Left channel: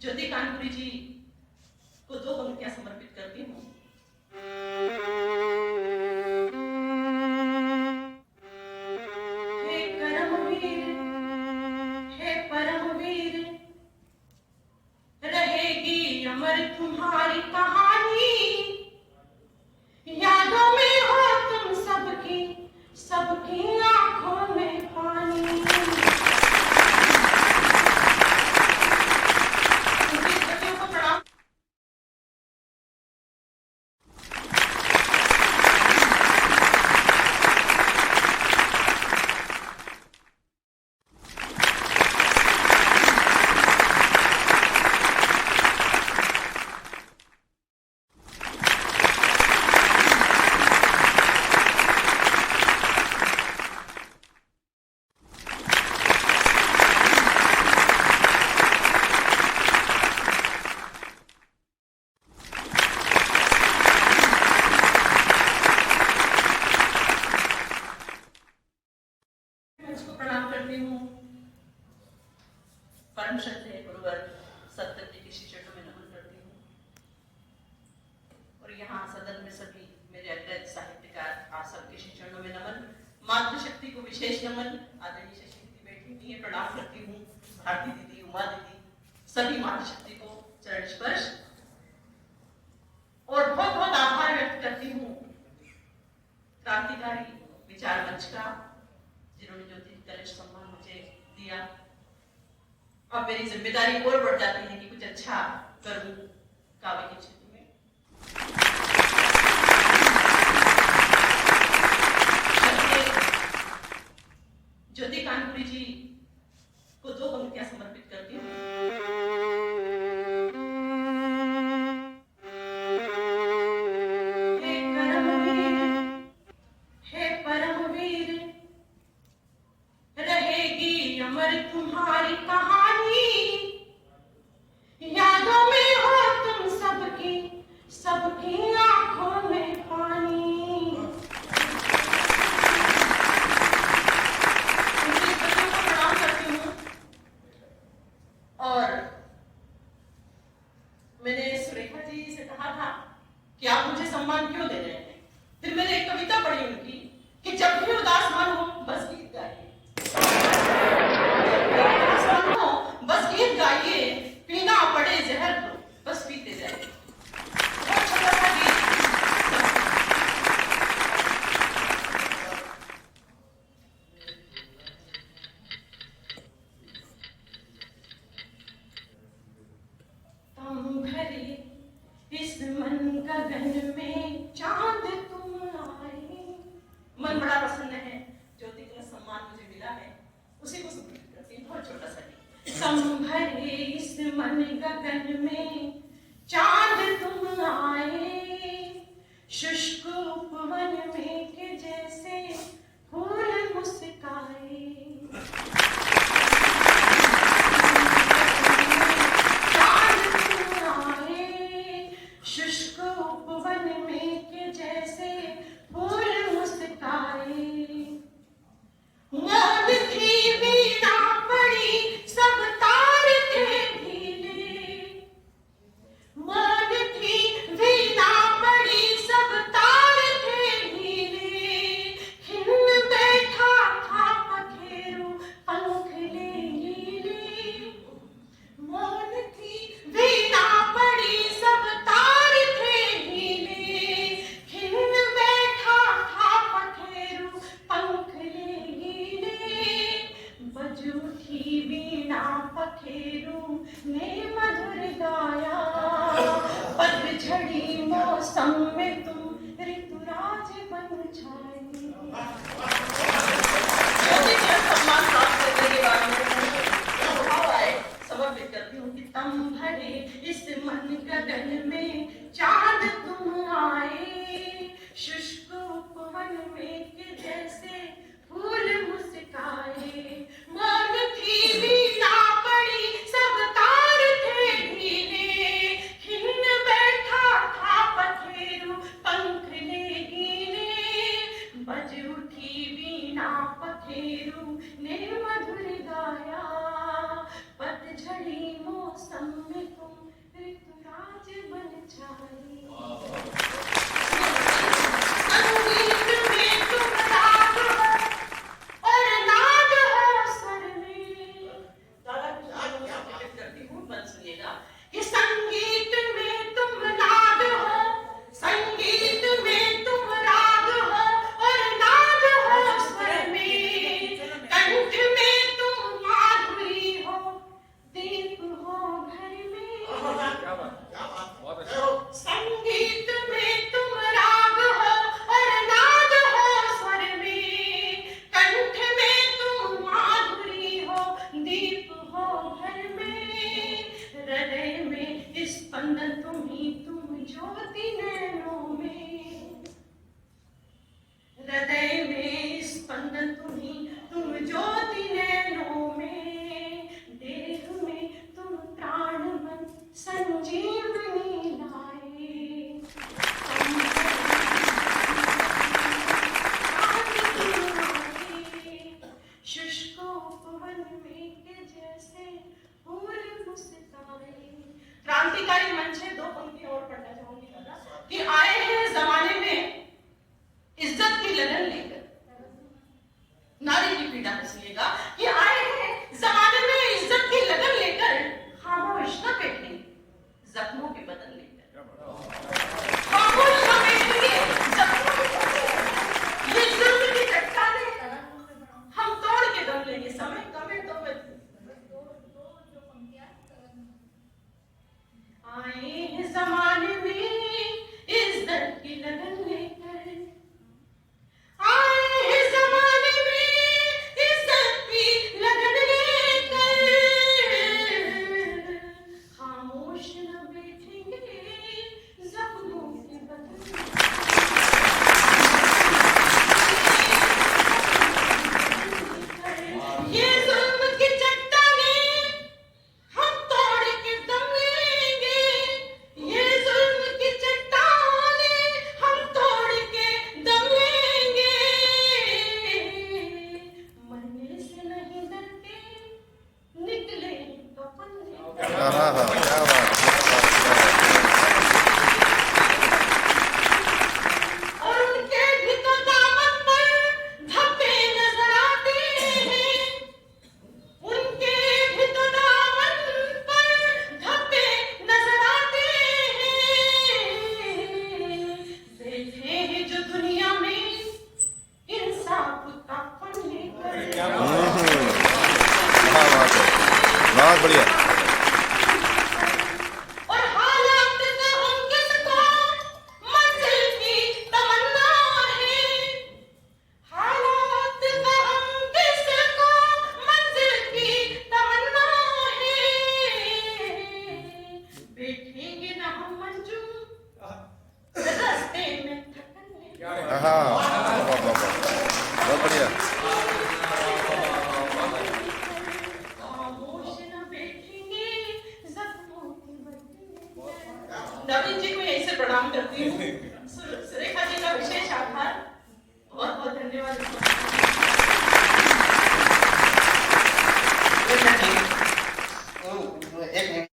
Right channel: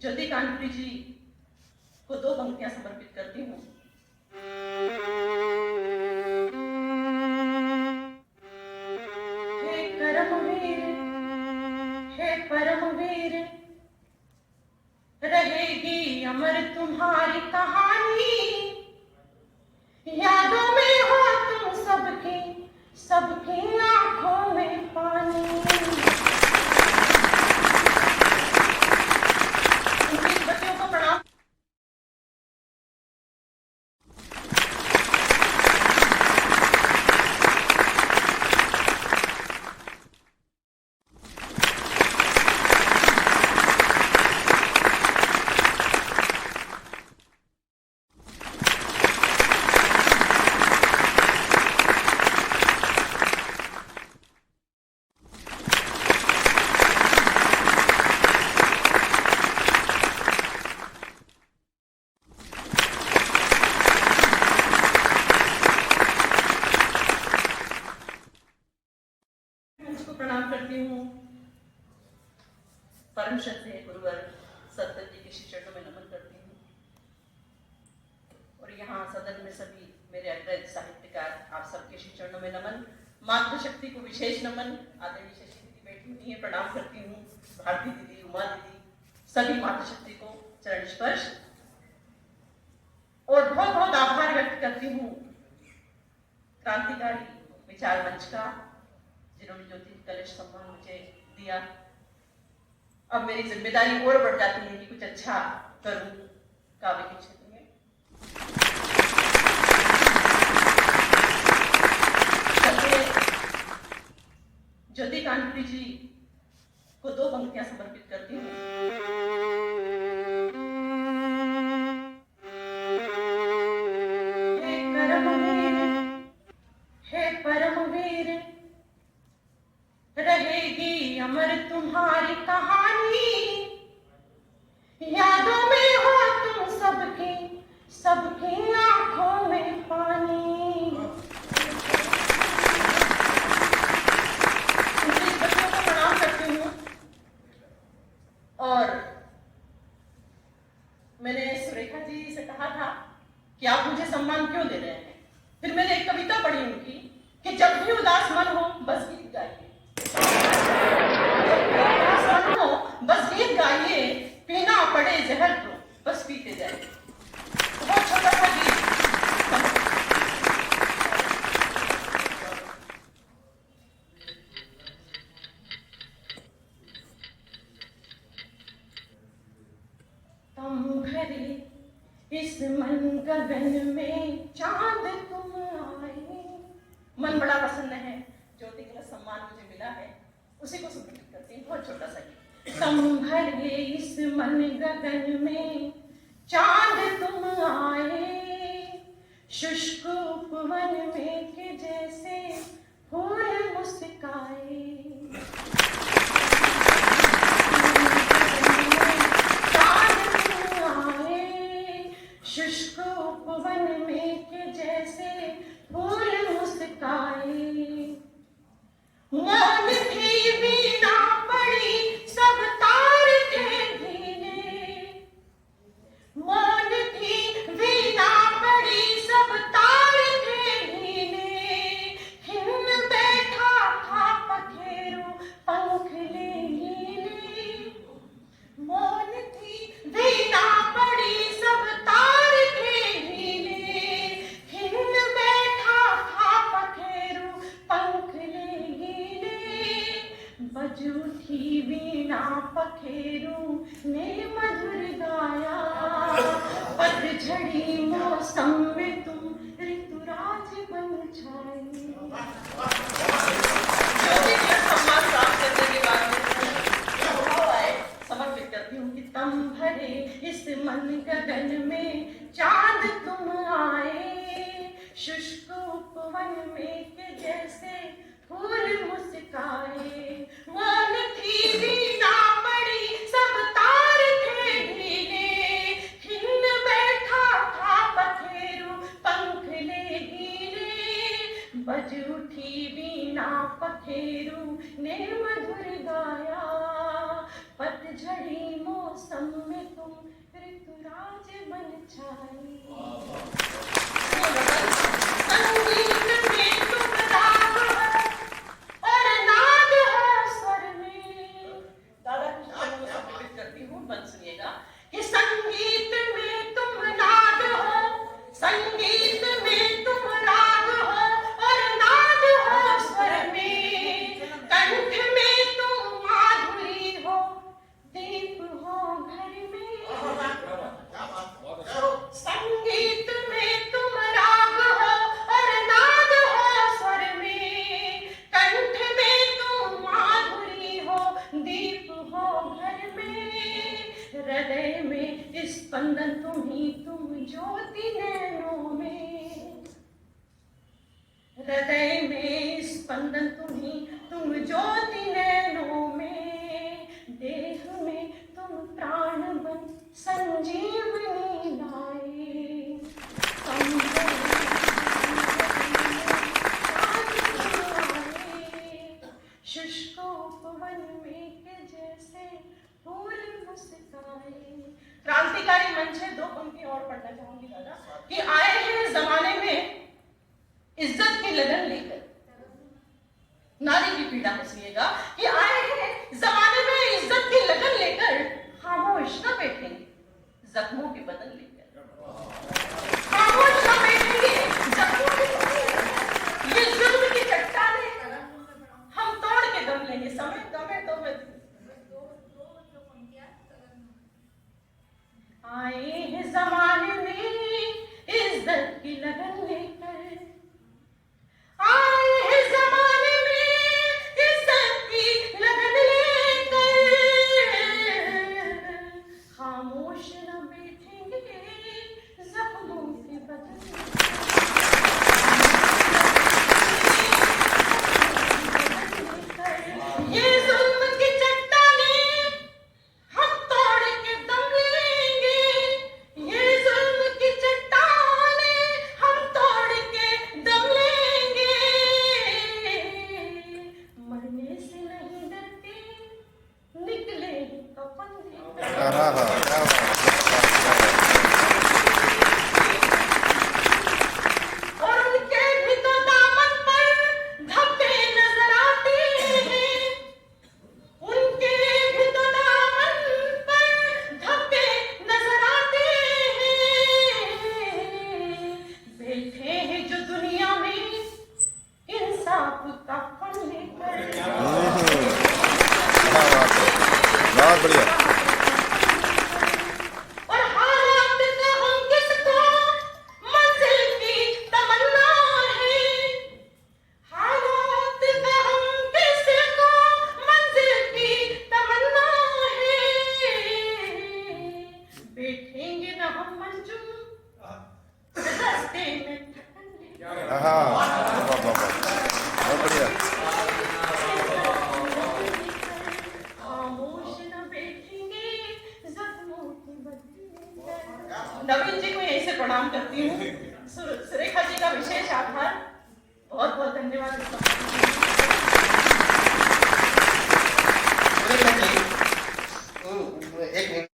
ज्योति कानपुरी जी को दो पंक्तियां समर्पित करती हूँ। हे कर्मवीर, हे परमवीर, रहेगी अमर तुम्हारी कहानी। यादों में हो तुम सबकी, सबकी आंखों में पानी। प्रणाम करती हूँ। परम श्रद्धेय गुरुवर सतगुरु के श्री चरणों में नमन करती हूँ। और यहाँ सदन में सभी मेरे अग्रज साहित्यकार आप सबके श्री चरणों में नमन। मातृशक्ति को विशेष नमन। आदरणीय शशि दीदी बैठी हुई है, प्रणाम करती हूँ। भारती दीदी, उमा दीदी, सभी मातृशक्ति को चरण स्पर्श और बहुत बहुत आभार व्यक्त करती हूँ क्रांतिकारी विचार मंच का, जिन्होंने ज्योति कलश सम्मान मुझे दिया। अब मेरी जिम्मेदारी और बढ़ जाती है कि कुछ अच्छा करूं काव्य के क्षेत्र में। ज्योति कानपुरी जी को दो पंक्तियां समर्पित करती हूँ। तुम्हारी कहानी, यादों में हो तुम सबकी, सबकी आंखों में पानी। प्रणाम करती हूँ। और मैंने सुरेखा जी से कहा था कि आप मुझे सम्मान क्यों दे रहे हैं। फिर मैंने एक कविता पढ़ी उनकी कि जब भी उदास मन हो बस गीत गाइए, बस गीत गाइए, पीना पड़े जहर को बस पीते जाइए। तुम भरे इस मन गगन में चांद तुम आए। मन बड़ा प्रसन्न है, ज्योति कलश सम्मान मुझे मिला है, उसी को समर्पित करती हूँ। बहुत छोटा सा संभरे इस मन गगन में चांद तुम आए। शुष्क उपवन में के जैसे फूल मुस्काए। चांद तुम आए, शुष्क उपवन में के जैसे फूल मुस्काए। मौन थी वीणा पड़ी सब तार थे ढीले। मौन थी वीणा पड़ी सब तार थे ढीले। खिन्न बैठा था पखेरु पंख ले लीले। मौन थी वीणा पड़ी सब तार थे ढीले। खिन्न बैठा था पखेरु पंख ले लीले। बज उठी वीणा पखेरु ने मधुर गाया। पतझड़ी मौसम में तुम ऋतुराज बन छाए। समर्पित करती हूँ कि तुम भरे इस मन गगन में चांद तुम आए। शुष्क उपवन में के जैसे फूल मुस्काए। मौन थी वीणा पड़ी सब तार थे ढीले। खिन्न बैठा था पखेरु पंख ले गीले। बज उठी वीणा पखेरु ने मधुर गाया। पतझड़ी मौसम में छाई। संगीत में तुम राग हो और नाद हो स्वर में। दादा कुछ आज मैं प्रकट करती हूँ, मन सुनिएगा कि संगीत में तुम नाद हो, संगीत में तुम राग हो और नाद हो स्वर में। कंठ में तुम माधुरी हो, दीप हो घर में। संगीत में तुम राग हो और नाद हो स्वर में। कंठ में तुम माधुरी हो, दीप हो घर में। हृदय में स्पंदन तुम्ही, तुम ज्योति नैनों में। हृदय में स्पंदन तुम्ही, तुम ज्योति नैनों में। देह में तुम प्राण बन संजीवनी लाए। शुष्क उपवन में के जैसे फूल मुस्कुराए। क्रांतिकारी मंच है, दो पंक्ति और पढ़ना चाहूंगी दादा कि आए हैं जमाने में इज्जत की लगन लेकर। नारी की पीड़ा में सुनिएगा कि आए हैं जमाने में इज्जत की लगन लेकर। खामोश न बैठे जख्मों के बदन लेकर। खामोश न बैठे जख्मों के बदन लेकर। ये जुल्म की चट्टानें हम तोड़ के दम लेंगे। समय कम है तो मैं आए हैं जमाने में इज्जत की लगन लेकर। आए हैं जमाने में इज्जत की लगन लेकर। खामोश न बैठेंगे जख्मों के बदन। ये जुल्म की चट्टानें हम तोड़ के दम लेंगे। ये जुल्म की चट्टानें हम तोड़ के दम लेंगे। मरने से नहीं डरते, निकले कफन लेकर। क्या बात, क्या बात, और उनके भी तो दामन पर धब्बे नजर आते हैं। उनके भी तो दामन पर धब्बे नजर आते हैं। बैठे हैं जो दुनिया में इंसाफ का फन लेकर। क्या बात है, बहुत बढ़िया। और हालात का हम किसको मंजिल की तमन्ना है। हालात का हम किसको मंजिल की तमन्ना है। बैठेंगे न हम मंजूर रास्ते में थकन लेकर। हाँ, बहुत बढ़िया। खामोश न बैठेंगे जख्मों के बदले। नवीन जी को यहीं से प्रणाम करती हूँ। सुरेखा जी का विशेष आभार। बहुत बहुत धन्यवाद।